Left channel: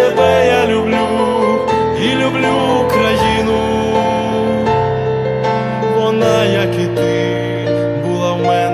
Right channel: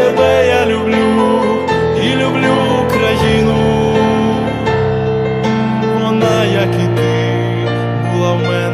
Тебе я люблю і люблю Україну, вона, як і ти, була в мене.